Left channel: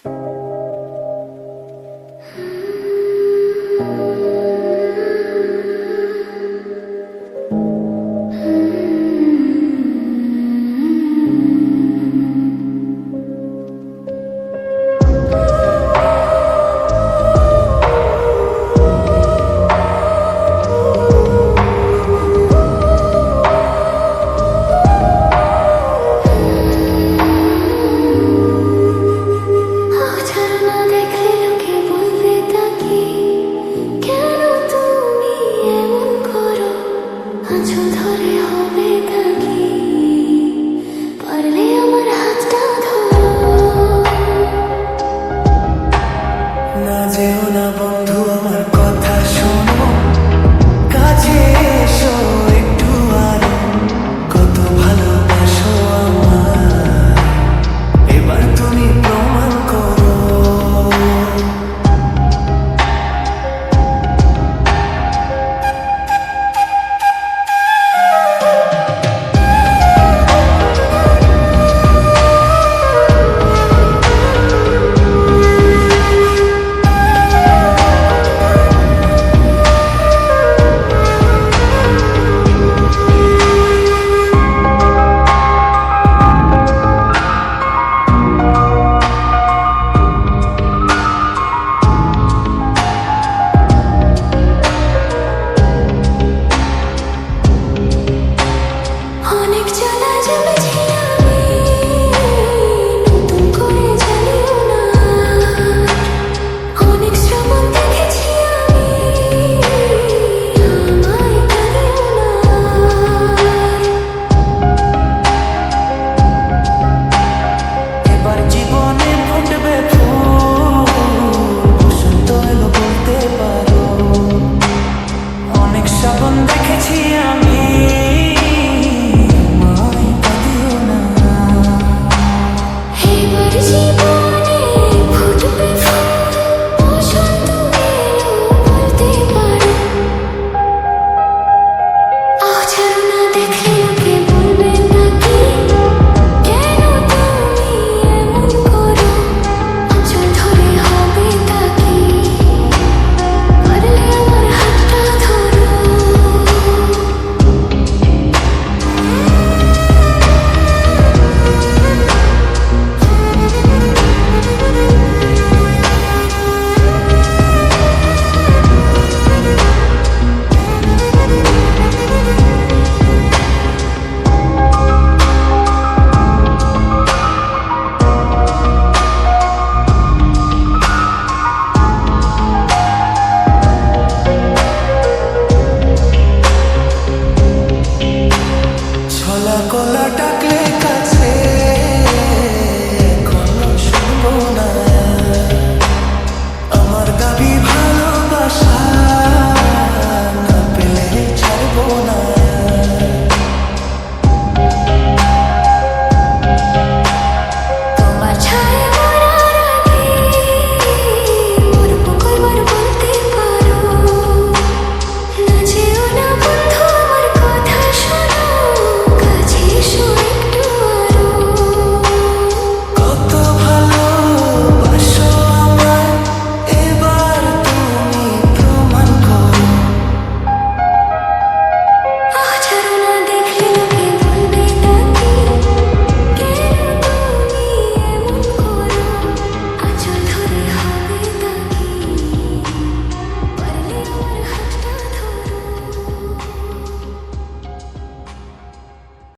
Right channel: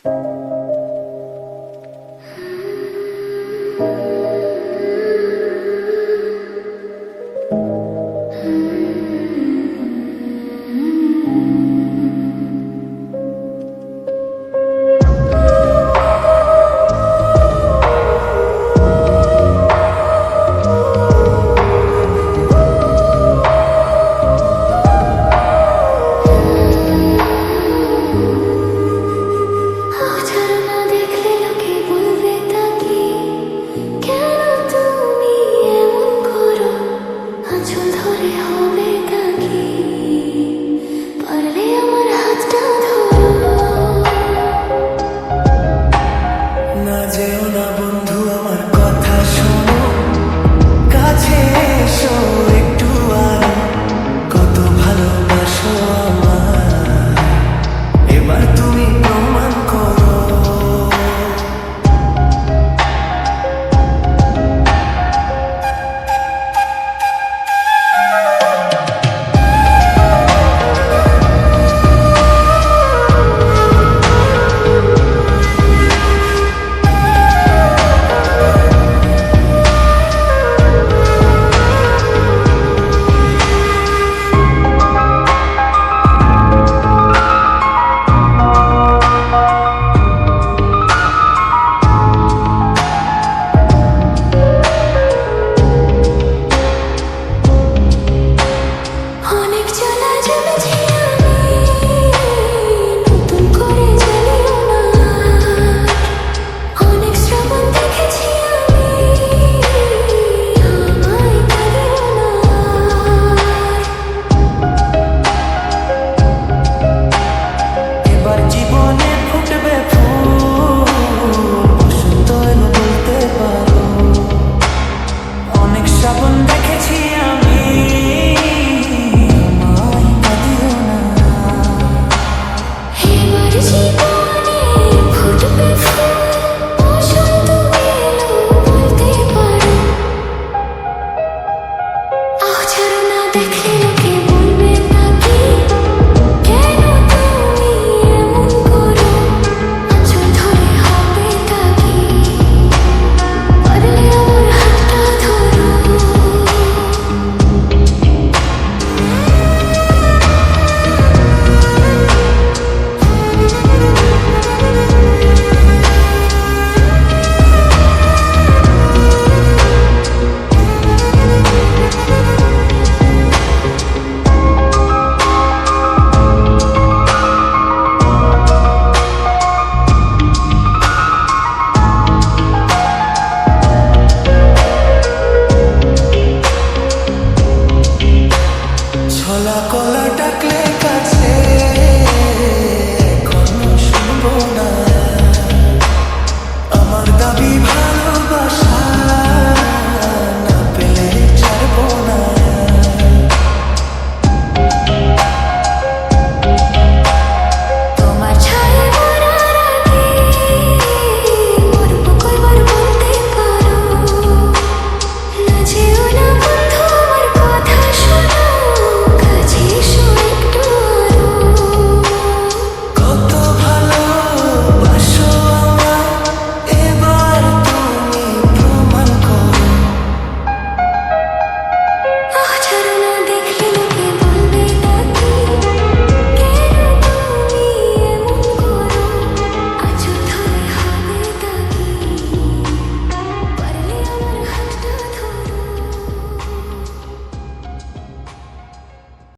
না যেও না বন্ধু, আমার কথা শোনো, কাছে এসো একটু আরো। কত ভালোবাসো আমায়, এবার তুমি প্রমাণ করো। এবার জীবনে ফুটবে ফুল, বসন্ত এলো বলতে পারো। অনেক শ্রাবণ দেখেছি আমি, আমায় কাঁদিও না। এবার জীবনে ফুটবে ফুল, বসন্ত এলো বলতে পারো। আহ ছাড়ো না, দেখলে লোকে বলবে নাকি কেন তুমি এমন করো। আঁচল ধরে হবে তাকি, পারলে আমার হাতটা ধরো। ছলা কলা ডাকলে কাছে, এখনো শুনবো না।